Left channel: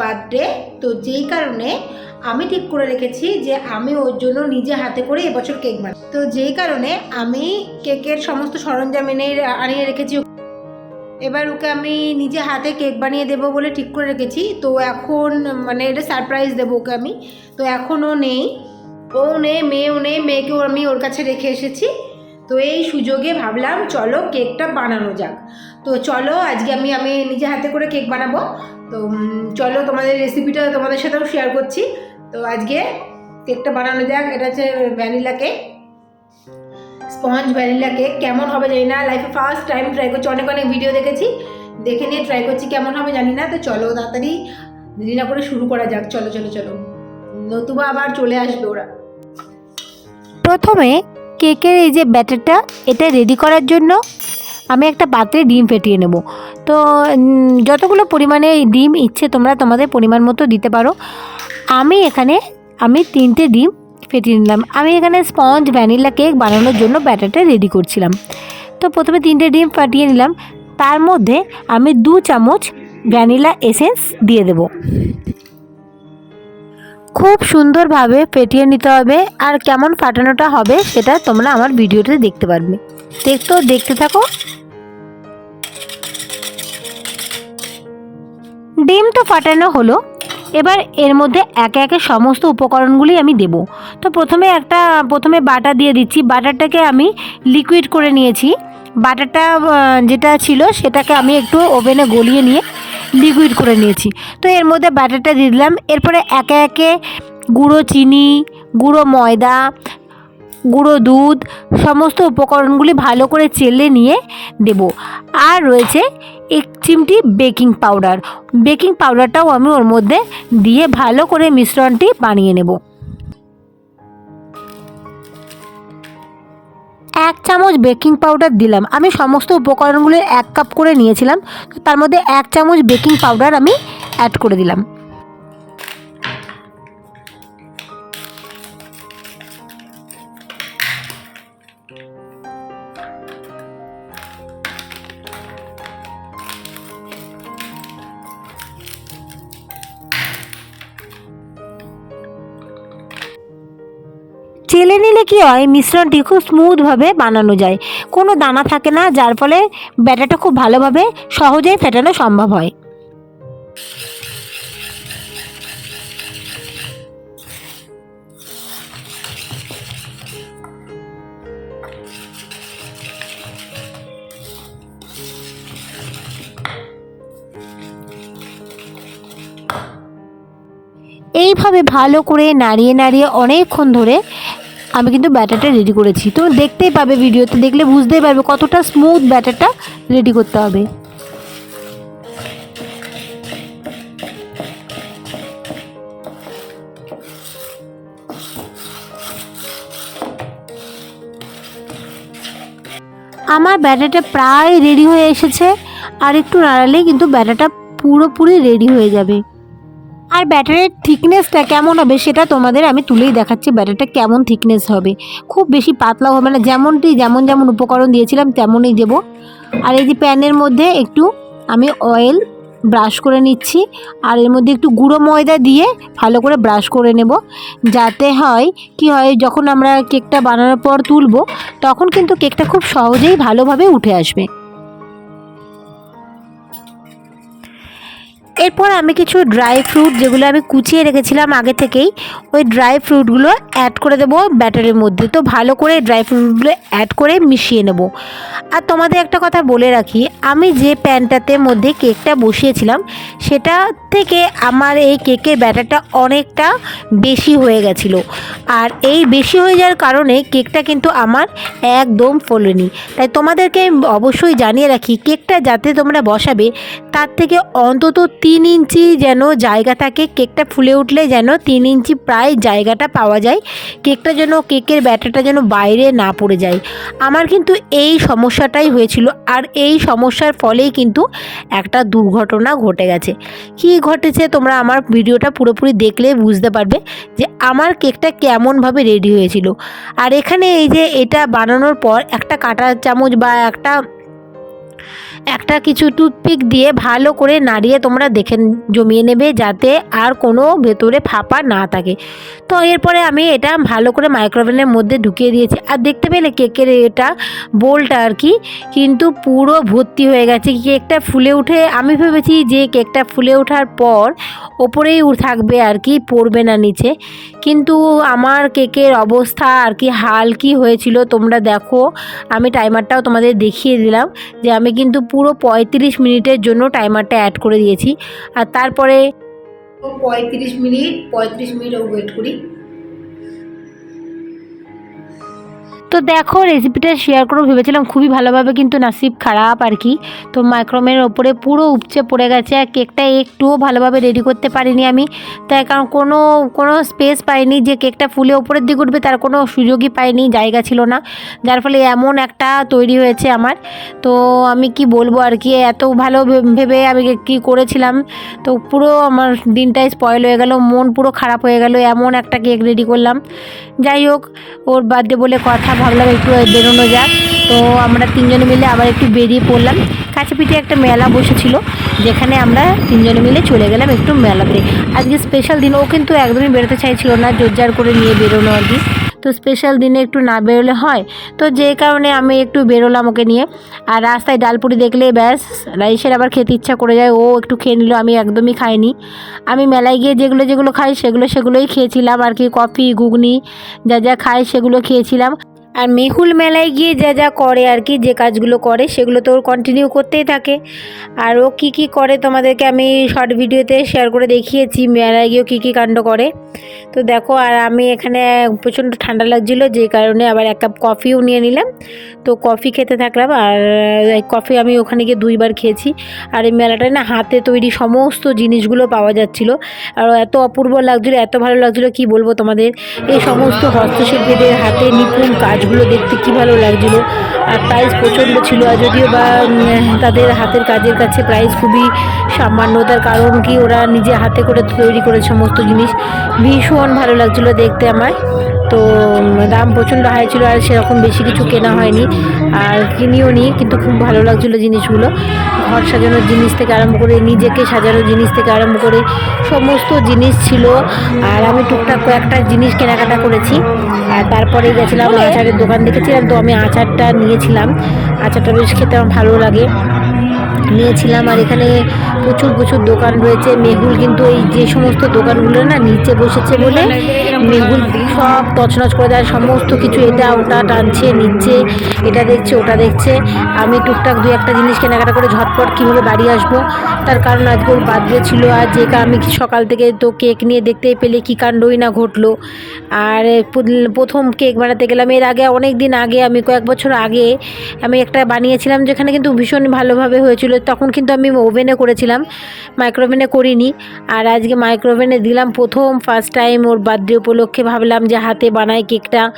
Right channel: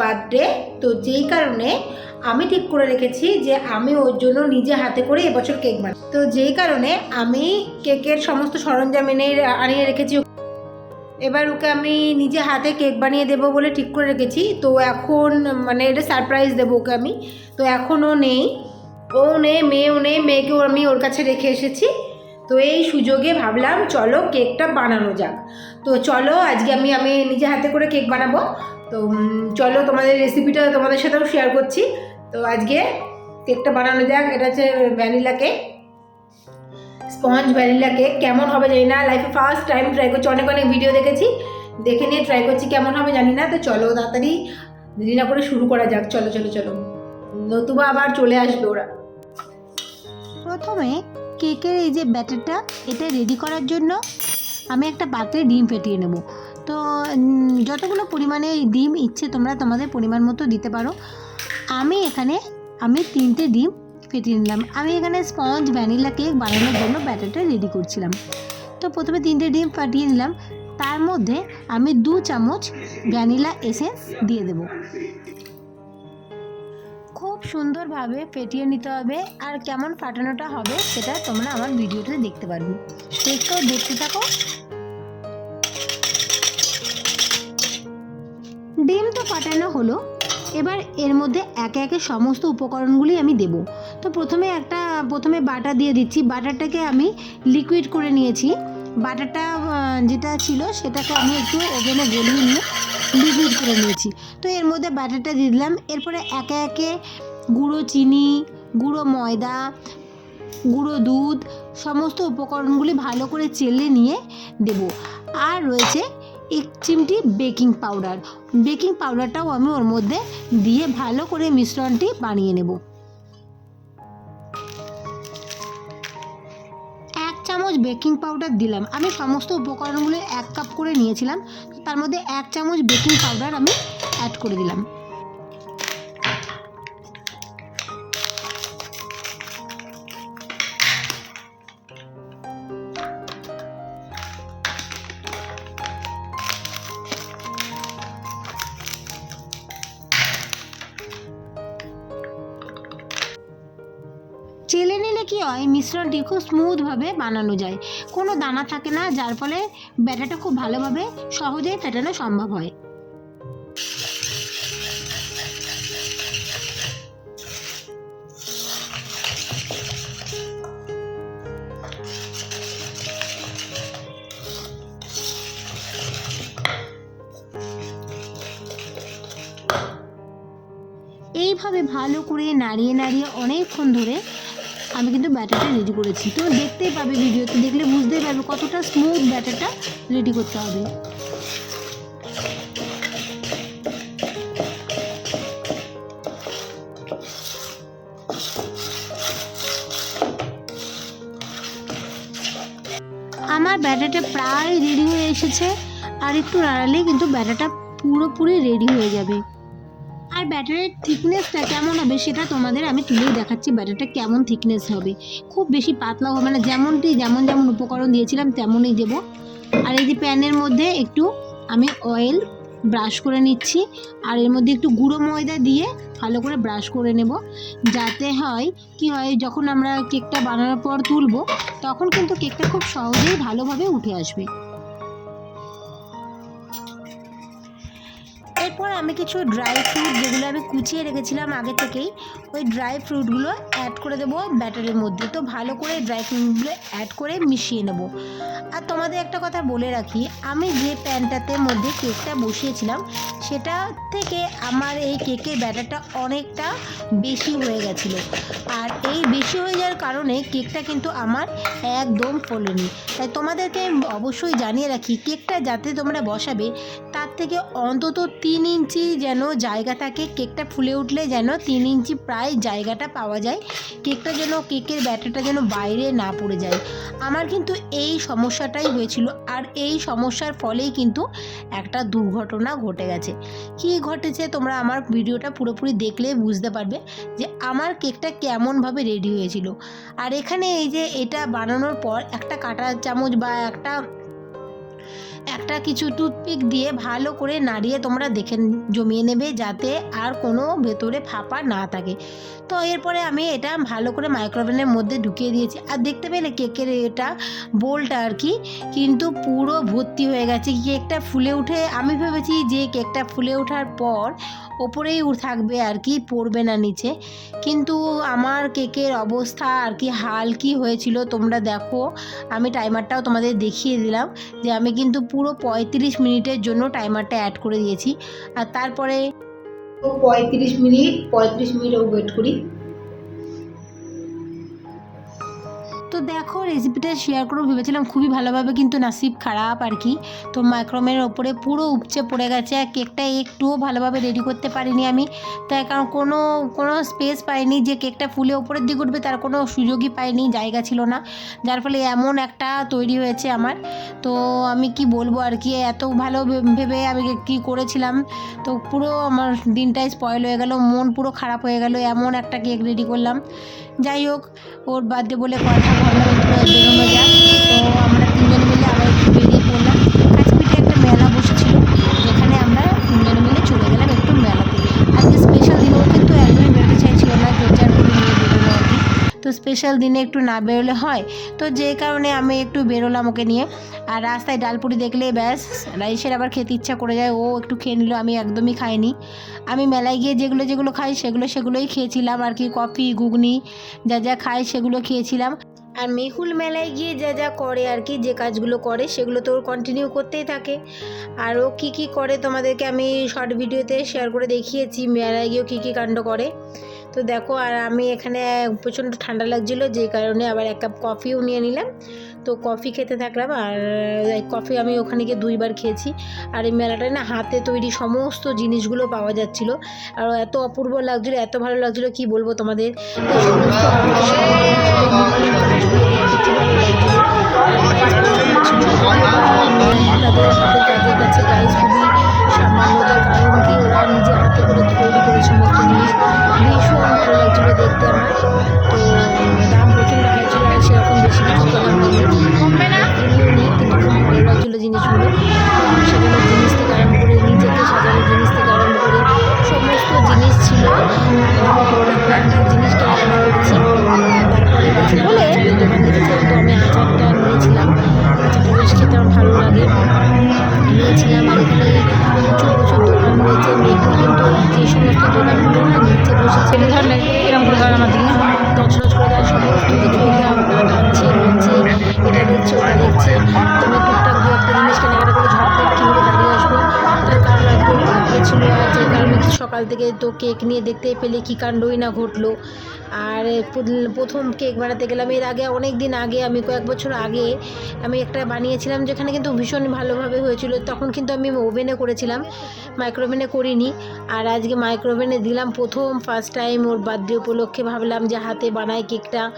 Birthday তো যেই কারণে আমি ঠিক করে রেখেছি যে আমি ওর জন্য নিজে হাতে করে এবছর কেক বানাই। তো যেই কারণে আমি কেকের সমস্ত সরঞ্জাম এনে আনিয়ে রেখেছি। এবার ওকে আমি নিজে হাতে কেক বানিয়ে দেবো বলে ঠিক করে রেখেছি। তো এখন মানে এটা সারপ্রাইজ দেবো ওকে আমি। তো এখনও নেই। ও নেই মেয়েও নেই, মেয়েকেও আমি ওর কাছে রেখে এসেছি। তো এই সুযোগে ভাবলাম, চলো কেকটা বানানো যাক। তো চলো, আজকে আমি আমি নিজে হাতে করে কেক বানাবো। তো চলো তোমাদের রেসিপিটা তোমাদের সাথেও শেয়ার করছি। তো আজকে কেকটা বানানো যাক, এটা হচ্ছে vanilla cake sponge vanilla cake কেমন হবে জানি না লাইফে ফার্স্ট টাইম ট্রাই করছি, অনেক অনেক ভিডিও দেখেছি। দেখে নিয়ে ট্রাই করছি কেমন হবে জানি না, তো চলো তাড়াতাড়ি দেরি না করে শুরু করা যাক। চলো চলো চলো। নতুবা আবার চলে আসবে ওরা। প্রথমে কেকের এই যে ব্যাটারটা, এটা রেডি করার জন্য আমি একটা পাত্রে ডিম ফেটিয়ে নেব। তো যতগুলো পরিমাণে ডিম ইচ্ছে তোমরা তোমাদের পরিমাণ মতো দিতে পারো। আমি এখানে, আমি তিনটে ডিম ফেটিয়ে নিলাম। আমি এখানে স্পঞ্জ, ভ্যানিলা কেক বানানোর জন্য ব্যাটারটা রেডি করছিলাম। তো, প্রথমে তিনটে ডিম ফাটিয়ে নিলাম। তার মধ্যে আমি দু চামচ ভ্যানিলা এসেন্স দিয়ে দেবো। খুব সুন্দরভাবে ফেটিয়ে নিতে হবে আর কেমন ফাটানোটা হবে সেটা তোমরা আমার ভিডিওতে দেখতে পারবে। দেখতো দেখতে থাকো। ডিম তো ফাটানো হলো। এবার এর মধ্যে একে একে সমস্ত উপকরণগুলি আমি দেব। তো প্রথমে একটা, প্রথমে বাটার দিয়ে দিচ্ছি। বাটারটাকে আমি লিকুইড করে নিয়েছি। বাটারটা যেটা ছিল সেটাকে আমি একটু ওভেনে গলিয়ে নিয়ে লিকুইড করে নিয়েছি। তো এর মধ্যে ব্যাটারটা দিয়ে দিলাম। এরপরে একে একে গুঁড়ো চিনি, গুঁড়ো ময়দা, গুঁড়ো দুধ, সমস্ত উপকরণগুলি ভালো করে চেলে নিয়ে দেব। আর রয়েছে এক চিমটি বেকিং পাউডার। বেকিং পাউডারটাও আমি ওর মধ্যে দিয়ে ভালো করে মিশ্রণটি বানিয়ে নেব। বেকিং পাউডার দিলাম। আমি সমস্ত উপকরণগুলো এক কাপ করে নিয়েছিলাম। তার মধ্যে এক চামচ বেকিং পাউডার আমি অ্যাড করে দিলাম। চেলে নিলে কি হয়? মিশ্রণটি খুব স্মুথভাবে বানানো যায়। কোনো দানা থাকে না, যার ফলে ব্যাটাটা খুব ভালোভাবে সহজেই ফেটানো সম্ভব হয়। এইভাবে ভালো করে নাড়িয়ে নাড়িয়ে অনেকক্ষণ ধরে আমি কিন্তু ব্যাটারটা রেডি করেছি। তো দেখতেই পাবে ভিডিওতে, দেখলে বুঝতেই পারবে কতটা স্মুথ ব্যাটারটা রেডি করতে হবে। আমার ব্যাটারটা প্রায় রেডি হয়ে এসেছে, আর একটু নাড়ালেই কিন্তু ব্যাটারটা পুরোপুরি রেডি হয়ে যাবে। আর ব্যাটারের থিকনেসটা কেমন হবে সেটা তোমাদের আমি তুলেই দেখাচ্ছি। ব্যাটারটা কেমন থিকনেস হবে? খুব বেশি পাতলা হবে না। যেমনটি, যেমন যেমন উপকরণ দিয়েছিলাম, তেমনই দেবো। আর এই যে প্যানের মধ্যে একটু আমি অয়েল ব্রাশ করে নিচ্ছি। আর এর মধ্যে একটু গুঁড়ো ময়দা দিয়ে ভালো করে ব্রাশ করে নেব। যাতে হয়, কি হয়, যখন আমরা কেকটা বানানোর পর তুলব, তখন কিন্তু কেকটা খুব সহজেই ভালোভাবে উঠে আসবে। এরপর আমি কিছু ড্রাই ফ্রুট যেগুলো আমি কুচিয়ে রেখেছিলাম আগে থেকেই, ওই ড্রাই ফ্রুটগুলো অ্যাড করে দেবো ব্যাটারের মধ্যে। তো ভালো করে ড্রাই ফ্রুটগুলো অ্যাড করে মিশিয়ে নেব। আর তোমাদের একটা কথা বলে রাখি, আমি যে প্যানটাতে মধ্যে কেকটা বসিয়েছিলাম, সেটা থেকে আমার এই কেকের ব্যাটারটা অনেকটা বেশি হয়ে গেছিল। আর এই বেশি হয়ে যাওয়ার কারণে কেকটা কিন্তু আমার একদম ফোলেনি। তাই তোমাদেরকে অবশ্যই জানিয়ে রাখি কেকটা যাতে তোমরা বসাবে, তার থেকে অন্তত তিন ইঞ্চি যেন জায়গা থাকে কেকটা ফুলে উঠলে যেন তিন ইঞ্চি প্রায় জায়গাটা পাওয়া যায়। কেকটা যেন, কেকের ব্যাটারটা যেন বাইরে না পড়ে যায়। আমার কিন্তু এই সমস্যাটাই হয়েছিল আর এই সমস্যার ফলেই কিন্তু একটা দুর্ঘটনা ঘটে গেছে। কী ঘটেছে তোমরা আমার ভিডিওটা পুরোপুরি দেখলে বুঝতে পারবে যে আমার কেকটা কেমনভাবে রেডি হয়েছিল। আর এখানে এই যে এটা বানানোর পর একটা কাঁটা চামচ বা একটা একটা কিছু টুথপিক দিয়ে ভালো করে নাড়িয়ে তোমরা দেখে জমিয়ে নেবে যাতে আর কোনো ভেতরে ফাঁপা না থাকে। তো এরপরে আমি এটা ভালো করে মাইক্রোওভেনের মধ্যে ঢুকিয়ে দিয়েছি। আর দেখতে পেলে কেকের এটা বোলটা আর কি, কিন্তু পুরো ভর্তি হয়ে গেছে। কেকটা ফুলে উঠে, আমি ভেবেছি যে কেকটা ফুলে ওঠার পর ওপরেই থাকবে আর কি, পড়বে না নিচে। কিন্তু আমার কেকের অবস্থা আর কি হাল কি হয়েছিল, তোমরা দেখো। আমি টাইমারটাও তোমাদের দেখিয়ে দিলাম যে আমি কিন্তু পুরো পঁয়ত্রিশ মিনিটের জন্য টাইমারটা অ্যাড করে দিয়েছি। আর তারপরে পঁয়ত্রিশ মিনিট পঁয়ত্রিশ মিনিট ওয়েট করি। তো দেখো রেসিপিটা শেয়ার করব ভেবেছিলাম খুবই ভালোভাবে কিন্তু নাসিব খারাপ আর কি। তো মাইক্রোমের ওপরে পুরো উপচে পড়ে গেছে। আর কেকটা একটুও ভালোভাবে রেডি করতে পারিনি আমি। তাই কারণ কোনো কোনো স্পেস পাইনি যে কেকটা ফুলে ওপরের দিকে উঠবে, তার কোনো সুযোগই পাইনি, জায়গা ছিল না। যার ফলে এমন একটা তৈরি হয়েছে আমার। তো আমি কি বলব আর কি, এত ভালো ভেবে আমি কি করেছিলাম। তো পুরো আমার দিনটাই স্পয়েল হয়ে গেল, মন পুরো খারাপ হয়ে গেল, এমন একটা কেক রেডি করলাম। যাই হোক, ওর বার্থডে বলে কথা ভাবলাম একটু বেরোনো যাক। তো আমরা তিনজনে মিলে আবার একটু বেরিয়ে পড়লাম। কাছে পিঠে একটা মেলা বসেছিল, যেখানে আমরা তিনজনে মিলে চলে গেলাম একটু মেলাতে। আজকে স্পেশাল দিন, ও কিন্তু একদমই বেরোতে চাইছিল না জোরজার করে নিয়ে বেরোনো আর কি। তো স্পেশাল দিনে একটু না বেরোলে হয়। তো যে কারণে আমি একটু বেরোলাম ওকে নিয়ে। আর রাস্তায় ডালপুরি দেখলে ব্যাস, রাইসের আবার খেতে ইচ্ছা করে যায়, ও একটু খেয়ে নিল, আমি একদমই খাইনি। আমি মেলায় গিয়ে যেগুলো যেগুলো খাই, সেগুলো সেগুলোই খেয়েছিলাম আর কি। কফি, ঘুগনি, যা যা খাই সেগুলো খেয়েছিলাম। আর মেহুল মেলায় গিয়ে যা যা করে আর কি, যে কাজগুলো করে, সেগুলো তো ওর কন্টিনিউ করতেই থাকে। আর ও কী কী করে তোমাদেরকে আমি শর্ট ভিডিওতে শেয়ার করে দেখিয়েছি, মেলায় গিয়েও কী কী কাণ্ড করে। তো দেখো, আর আমি এখানে প্রচণ্ড ঠান্ডা লাগছিল, যে কারণে আবার এক কাপ কফিও নিয়ে নিলাম। তো কফি খেতে থাকলাম, আর কফি আমি ওখানে গিয়ে দুইবার খেয়েছি। আর এই মেলাটায় না হাতে তৈরি সমস্ত জিনিসগুলো পাওয়া যাচ্ছিল। আর এত অপূর্ব লাগছিল, এত ভালো লাগছিল, কি বলব তোমাদের? এই সমস্ত হস্তশিল্পীদের হাতে নিপুণ কাজগুলো দেখতে কি ভালো লাগছিল। আর প্রাইস প্রচণ্ড ছিল, আর যদিও বা তাদের হাতের কাজের কাছে প্রাইস খুবই সামান্য, তার কারণ কি ওরা নিজে হাতে করে তৈরি করে সমস্ত জিনিস। ভীষণ ভালো লাগছিল দেখতে আমার। তো দাম প্রচণ্ড হাই ছিল আর সেরকম বেশি কিছু কেনা হয়নি। আর কিনিও নি, কিন্তু খুব ভালো লাগছিল জিনিসগুলো। ঘর সাজানোর জিনিস থেকে আরম্ভ করে, নিজেকে সাজানোর জিনিস থেকে আরম্ভ করে সমস্ত জিনিস ছিল। আর আমি টুকটাক কয়েকটা জিনিস কেনাকাটা করেছি। আর তারপরে গেছিলাম আচারের দোকান দেখেছিলাম তো আমি আচারটা নিয়েছিলাম। আচারটা বেশ খেতে আমার ভালো লাগে। নিয়েছিলাম আর এখানে প্রচুর প্রচুর দোকান রয়েছে। মেহুল কিন্তু এই যে সমস্ত দোকানগুলো না নিচে বসেছে বলে সব তছনছ করে দেয়। সমস্ত কিছু এটা ওটা টানছে নিচ্ছে এটা দেখছে ওটা দেখছে। আমি টুকটাক দু একটা জিনিস কেনাকাটা করে ঝটপট কিনবো বাড়ি আসব। তার কারণ আজকে ওর বার্থডে ছিল আর যে আমি সকাল থেকে তো কেক নিয়ে দেখতেই পেলে কী কাণ্ডই না ঘটলো। আর প্রথম কেক বানাতে গেলাম এর আগে অনেক দিন আগে আমি কয়েক বছর আগে আমি একটা বানিয়েছিলাম যেখানে কিন্তু ভীষণ ভালোভাবে হয়েছিল। তখন কিন্তু আমি ওভেনে করেছিলাম। মাইক্রোওভেনে করিনি। আর আজকে মাইক্রোওভেনে দিলাম প্রথম ফার্স্ট টাইম ওর বার্থডে উপলক্ষে ভাবলাম যে হাতে বানাই কেকটা।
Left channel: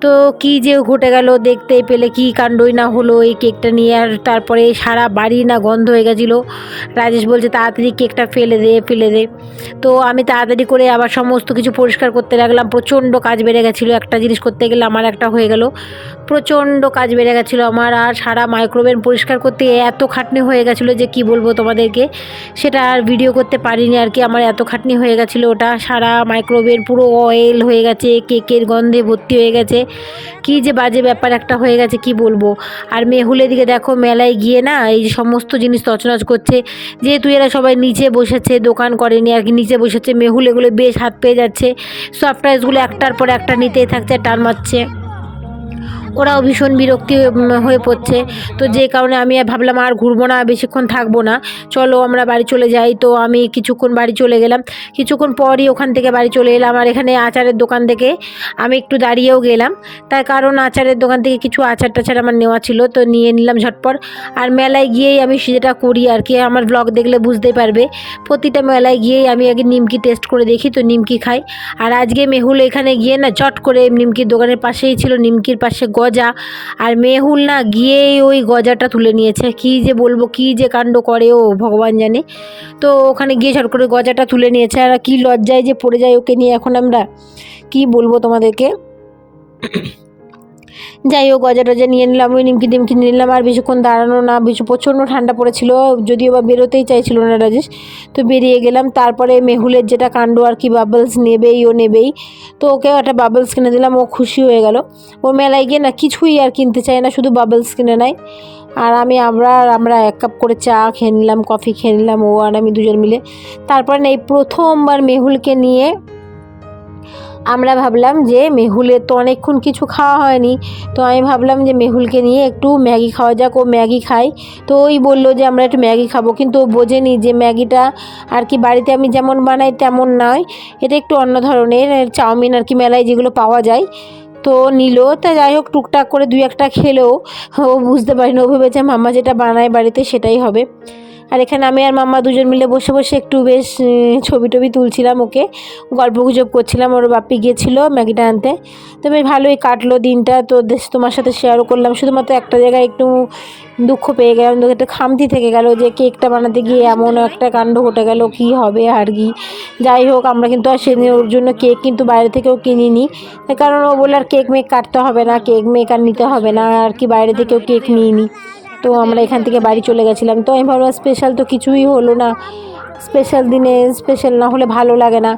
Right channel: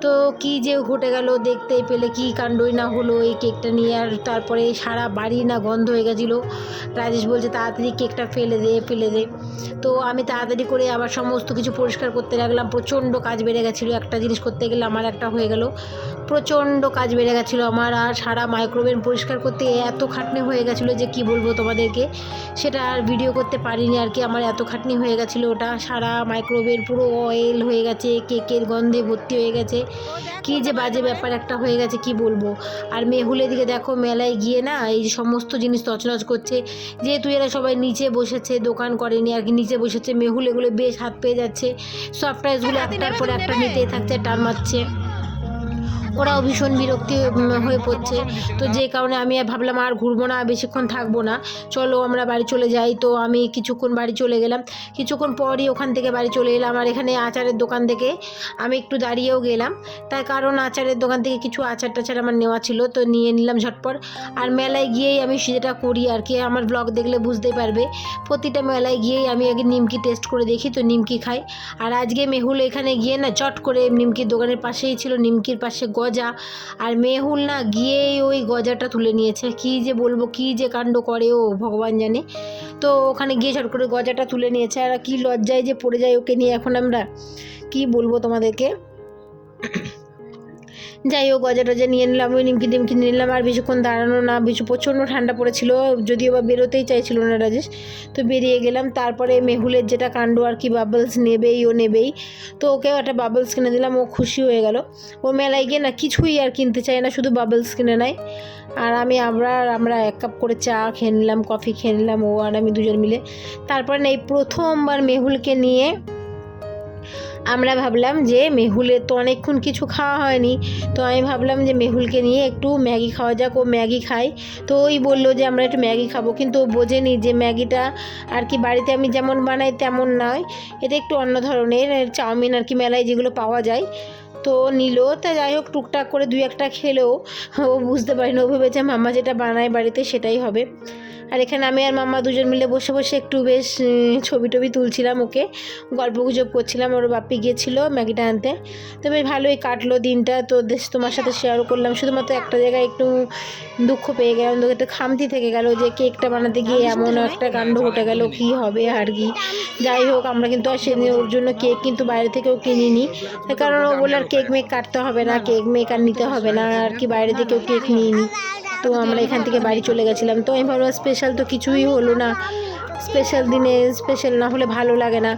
তো কি যে ঘটে গেল, দেখতে পেলে কি কাণ্ডই না হলো এই কেকটা নিয়ে। আর তারপরে সারা বাড়ি না গন্ধ হয়ে গেছিল। রাজেশ বলছে, তাড়াতাড়ি কেকটা ফেলে দে ফেলে দে। তো আমি তাড়াতাড়ি করে আবার সমস্ত কিছু পরিষ্কার করতে লাগলাম। প্রচণ্ড কাজ বেড়ে গেছিল, একটা জিনিস করতে গেলে আমার একটা হয়ে গেল। প্রচণ্ড কাজ বেড়ে গেছিল আমার। আর সারা মাইক্রোওভেন পরিষ্কার করতে এত খাটনি হয়ে গেছিল যে কি বলব তোমাদেরকে? সেটা আর ভিডিও করতে পারিনি আর কি। আমার এত খাটনি হয়ে গেছিল ওটা। সারা মাইক্রোওভেন পুরো অয়েল হয়ে গেছে কেকের গন্ধে ভর্তি হয়ে গেছে। কি যে বাজে ব্যাপার একটা হয়ে গেছে, কি বলব? আর মেহুলের দিকে দেখো, মেলায় গিয়ে না এই সমস্ত জিনিস তছনছ করছে। যেহেতু এরা সবাই নিচে বসেছে, দোকান করেনি আর কি, নিচে বসেছে, মেহুল এগুলো বেশ হাত পেয়ে যাচ্ছে। সফট একটার পর একটা নিতেই থাকছে, টান মারছে। ওরাও ভীষণ বিরক্তি হয়ে পড়ছে। তো যে কারণে আমি ভাবলাম আর ঘুরবো না, বেশিক্ষণ থাকব না। চলো আমরা বাড়ি চলে যাই। তো আমি কিছুক্ষণ বাড়ি চলে গেলাম। কিছুক্ষণ পরই ওখান থেকে বাড়ি চলে এলাম আর এখানে আচারের দোকান থেকে আমি একটু দাঁড়িয়েও গেলাম। তার কারণ আচারের দোকান থেকে কিছু আচার টাচার আমার নেওয়া ছিল, তো নিয়ে নিলাম ঝটপট। আর মেলায় গিয়েই আমি যেটা করি আর কি। আমার ব্লগ দেখলে বুঝতেই পারবে। প্রতিটা মেলায় গিয়েই আমি আগে নিমকি টেস্ট করে দেখি, তো নিমকি খাই। আর আজকে মেহুল এখানে গিয়ে না চট করে নিমকির দোকানের পাশেই ছিল, নিমকির পাশে গজা। আর মেহুল না গিয়েই ওই গজাটা তুলে নিয়েছে। কি যে বলব, কি যে কাণ্ড করে ও, ভগবান জানে। তো ওখানে গিয়ে ঝট করে গজাটা তুলে নিয়েছে। আর কি লজ্জায় যে পড়ে যায় ওকে নিয়ে এখন আমরা কি বলব তোমাদেরকে? যাই হোক, গজা টজা নিয়ে নিলাম, ওই নিমকি নিয়ে নিলাম, আর বেশিক্ষণ দাঁড়ানো না, বেশি প্রচণ্ড ঠান্ডা পড়েছিল, যদিও বা বেরোতেই চাইছিল না রাজেশ। তো বেরিয়ে গেলাম, তারপরে মেহুলের যেটা কাণ্ড আর কি বাবলস নেবেই, ও নেবেই। তো ওকেও একটা বাবলস কিনে দিলাম, ও খুশি হয়ে গেল। ও মেলায় গিয়ে না কিছুই আর কিনতে চায় না, শুধু বাবলস কিনে নেয়। আর আমি আমরা আমরা এক কাপ করে চা খেয়ে নিলাম কফি খেয়ে নিলাম, ও আর আমি দুজন মিলে। তারপরে এই প্রথমবার মেহুলকে নিয়ে আমরা ভাবলাম যে মেহুলের তো অনেকক্ষণ কিছু খাওয়া হয়নি, তো আমি ভাবলাম যে মেহুলকে নিয়ে একটু ম্যাগি খাওয়া যাক, ও ম্যাগি খায়। তো ওই বলল যে আমরা একটু ম্যাগি খাব, কিন্তু ও বোঝেনি যে ম্যাগিটা আর কি বাড়িতে আমি যেমন বানাই তেমন নয়। এটা একটু অন্য ধরনের চাউমিন আর কি মেলায় যেগুলো পাওয়া যায়। তো নিল, তা যাই হোক, টুকটাক করে দুই একটা খেলেও ও বুঝতে পারিনি, ও ভেবেছে মাম্মা যেটা বানায় বাড়িতে সেটাই হবে। আর এখানে আমি আর মাম্মা দুজন মিলে বসে বসে একটু বেশ ছবি টবি তুলছিলাম ওকে। গল্প গুজব করছিলাম, ওর বাপ্পি গিয়েছিল ম্যাগিটা আনতে। তো বেশ ভালোই কাটলো দিনটা, তো তোমার সাথে শেয়ারও করলাম। শুধুমাত্র একটা জায়গায় একটু দুঃখ পেয়ে গেলাম একটু খামতি থেকে গেল যে কেকটা বানাতে গিয়ে এমন একটা কাণ্ড ঘটে গেল, কি হবে আর কি। যাই হোক, আমরা কিন্তু আর সেদিন ওর জন্য কেক কিন্তু বাইরে থেকেও কিনিনি। কারণ ও বলল আর কেক মেক কাটতে হবে না, কেক মেক আর নিতে হবে না, আর কি বাইরে থেকেও কেক নিয়ে নিই তো আমরা এখান থেকে বাড়ি চলে গেছিলাম। তো আমি ভাবলাম স্পেশাল তো কিছুই হলো না। স্পেশাল দিনে স্পেশাল না হলে ভালো লাগে না।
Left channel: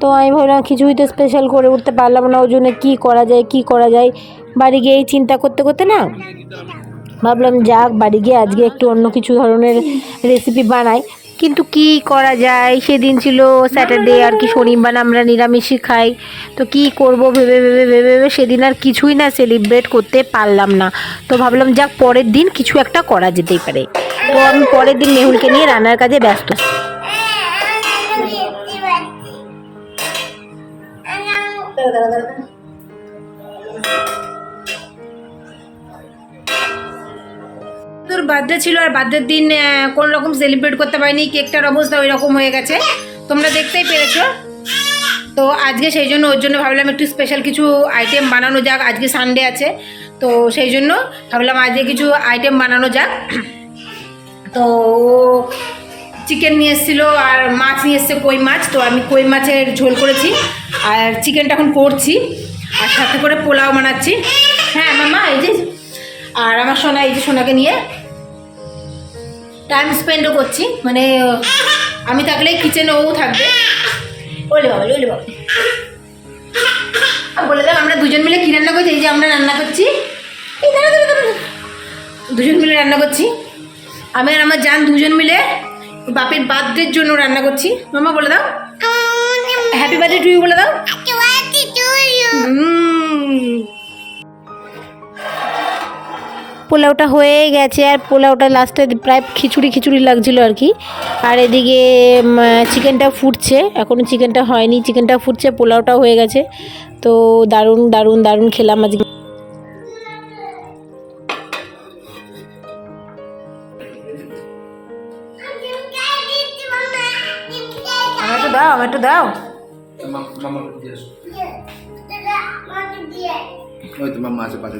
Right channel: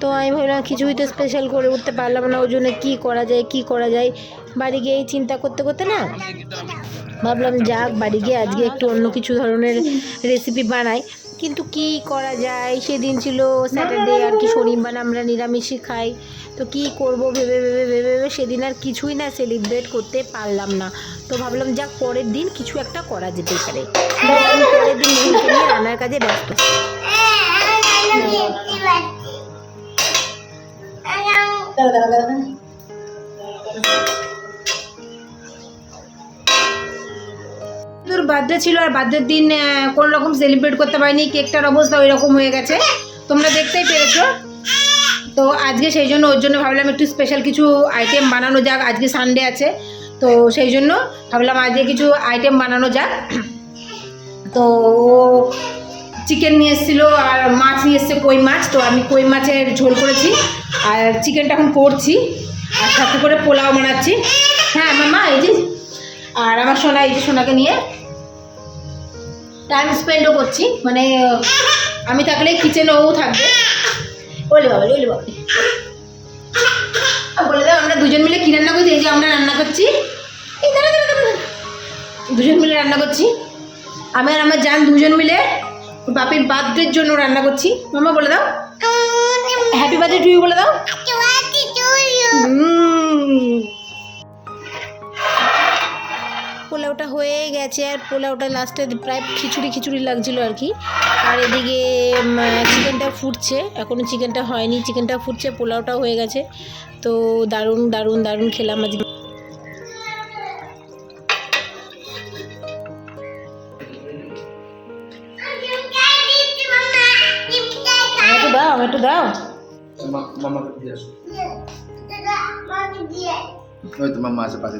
তো আমি ভাবলাম, কিছুই তো স্পেশাল করে উঠতে পারলাম না। ওই জন্য কী করা যায়, কী করা যায়? বাড়ি গিয়েই চিন্তা করতে করতে না, ভাবলাম যাক, বাড়ি গিয়ে আজকে একটু অন্য কিছু ধরনের রেসিপি বানাই। কিন্তু কি করা যায়? সেদিন ছিল স্যাটারডে আর কি শনিবার আমরা নিরামিষই খাই। তো কি করব ভেবে ভেবে ভেবে ভেবে সেদিন আর কিছুই না সেলিব্রেট করতে পারলাম না। তো ভাবলাম যাক পরের দিন কিছু একটা করা যেতেই পারে। তো আমি পরের দিন মেহুলকে নিয়ে রান্নার কাজে ব্যস্ত। বার্থডে ছিল আর বার্থডের দিন কোন রকম সেলিব্রেট করতে পারিনি কেকটার অবস্থা ওই রকম হয়ে গেছে। তোমরা দেখতেই পেরেছ। তো আজকে সেই জন্য ওর জন্য ভাবলাম একটু স্পেশাল কিছু আইটেম বানানো যাক। আজকে সানডে আছে, তো সেই জন্য ভাবলাম আজকে কিছু আইটেম বানানো যাক। তো চিকেন নিয়ে এসেছিল আর মাছ নিয়ে এসছে কই মাছ। তো আমি কই মাছের ঝোল করেছি আর চিকেনটা এখন করছি। আর সাথে করে পোলাও বানাচ্ছি। হ্যাঁ আমার মা এই যে। আর আমার সোনা, এই যে সোনাকে নিয়ে টাইম স্পেন্ডও করছি মানে আমি থাকলে কিচেনে ও থাকবে। ওলে বাবা ওলে বাবা। বলে দাও আমরা দুজন মিলে কী রান্না করছি? এই যে আমরা রান্না করছি। এই দাঁড়া দাঁড়া দাঁড়া। দুজন মিলে রান্না করছি। আমি আর আমার জান দুজন মিলে বাপের বার্থডের জন্য রান্না করছি। মামা বলে দাও। হ্যাপি বার্থডে টু ইউ বলে দাও। পোলাওটা হয়ে গেছে আর পোলাওটা লাস্টে প্রায় খিচুড়ি খিচুড়ি লাগছিল আর কি। আর এদিকে চিকেনটা ফুটছে এখনও চিকেনটা হয়নি। চিকেনটা ফুটছে পোলাওটাও হয়ে গেছে। তো দারুণ দারুণ দারুণ খেলাম আজকে। আমার একটু দাও আমার একটু দাও। মামা দিয়ে আসো। ওই তো মাম্মা আছে পাশে।